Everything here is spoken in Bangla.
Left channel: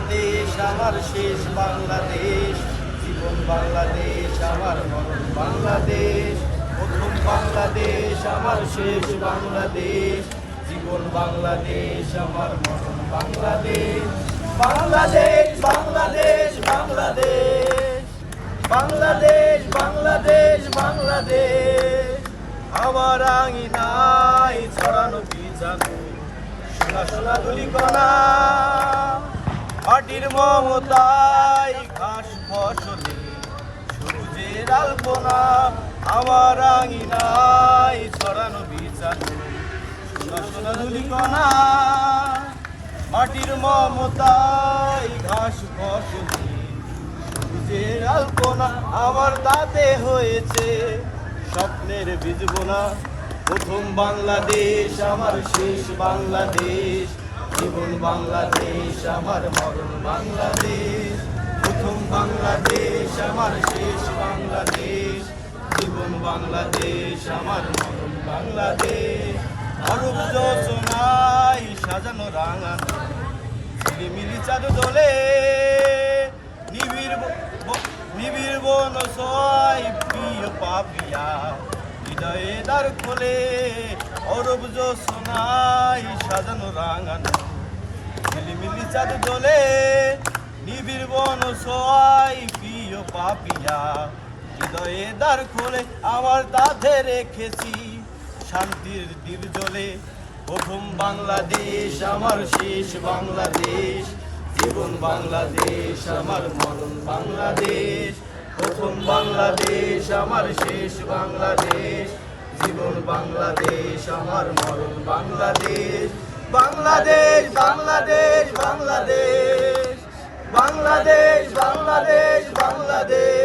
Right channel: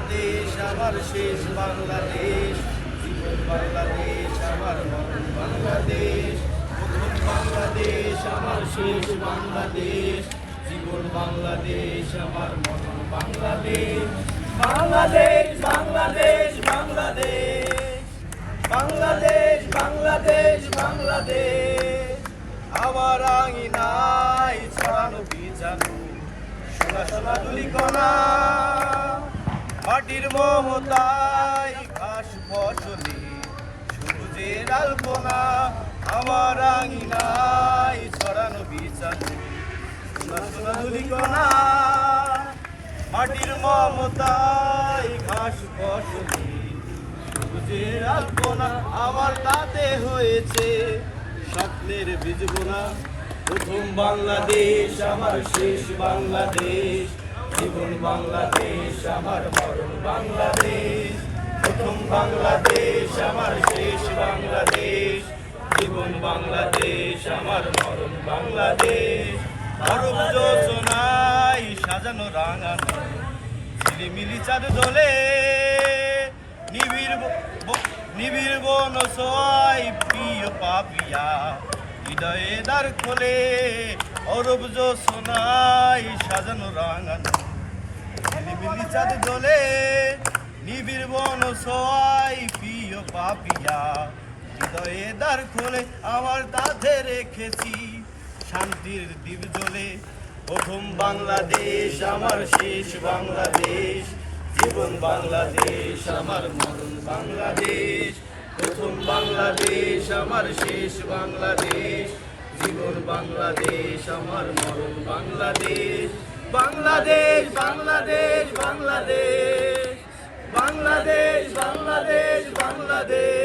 বাংলাদেশ আমার শেষ বাংলাদেশ, জীবন বাংলাদেশ আমার মরণ বাংলাদেশ। প্রথম বাংলাদেশ আমার শেষ বাংলাদেশ, জীবন বাংলাদেশ আমার মরণ বাংলাদেশ। বাংলাদেশ বাংলাদেশ বাংলাদেশ, বাংলাদেশ বাংলাদেশ বাংলাদেশ। আমার আঙিনায় ছড়ানো বীজাণু, সোনা সোনা ধূলিকণা, মাটির মমতায় ঘাস ফসলে সবুজের আলপনা। আমার আঙিনায় ছড়ানো বীজাণু, সোনা সোনা ধূলিকণা, মাটির মমতায় ঘাস ফসলে সবুজের আলপনা। আমার তাতে হয়েছে স্বপ্নের বীজ বোনা। প্রথম বাংলাদেশ আমার শেষ বাংলাদেশ, জীবন বাংলাদেশ আমার মরণ বাংলাদেশ। প্রথম বাংলাদেশ আমার শেষ বাংলাদেশ, জীবন বাংলাদেশ আমার মরণ বাংলাদেশ। আরব যোজনায় সাজানো রাঙানো ঝিলিমিলি চাঁদ দোলে, নিবিড় বন ছয় প্রিয় পাপিয়া হৃদয়ে দ্বার খোলে। অরব যোজনায় সাজানো রাঙানো ঝিলিমিলি চাঁদ দোলে, নিবিড় বন ছয় প্রিয় পাপিয়া হৃদয়ে দ্বার খোলে। আমার তাতে রেখেছি শান্তির দ্বীপ জ্বলে। প্রথম বাংলাদেশ আমার শেষ বাংলাদেশ, জীবন বাংলাদেশ আমার মরণ বাংলাদেশ। প্রথম বাংলাদেশ আমার শেষ বাংলাদেশ, জীবন বাংলাদেশ আমার মরণ বাংলাদেশ। বাংলাদেশ বাংলাদেশ বাংলাদেশ, বাংলাদেশ বাংলাদেশ বাংলাদেশ।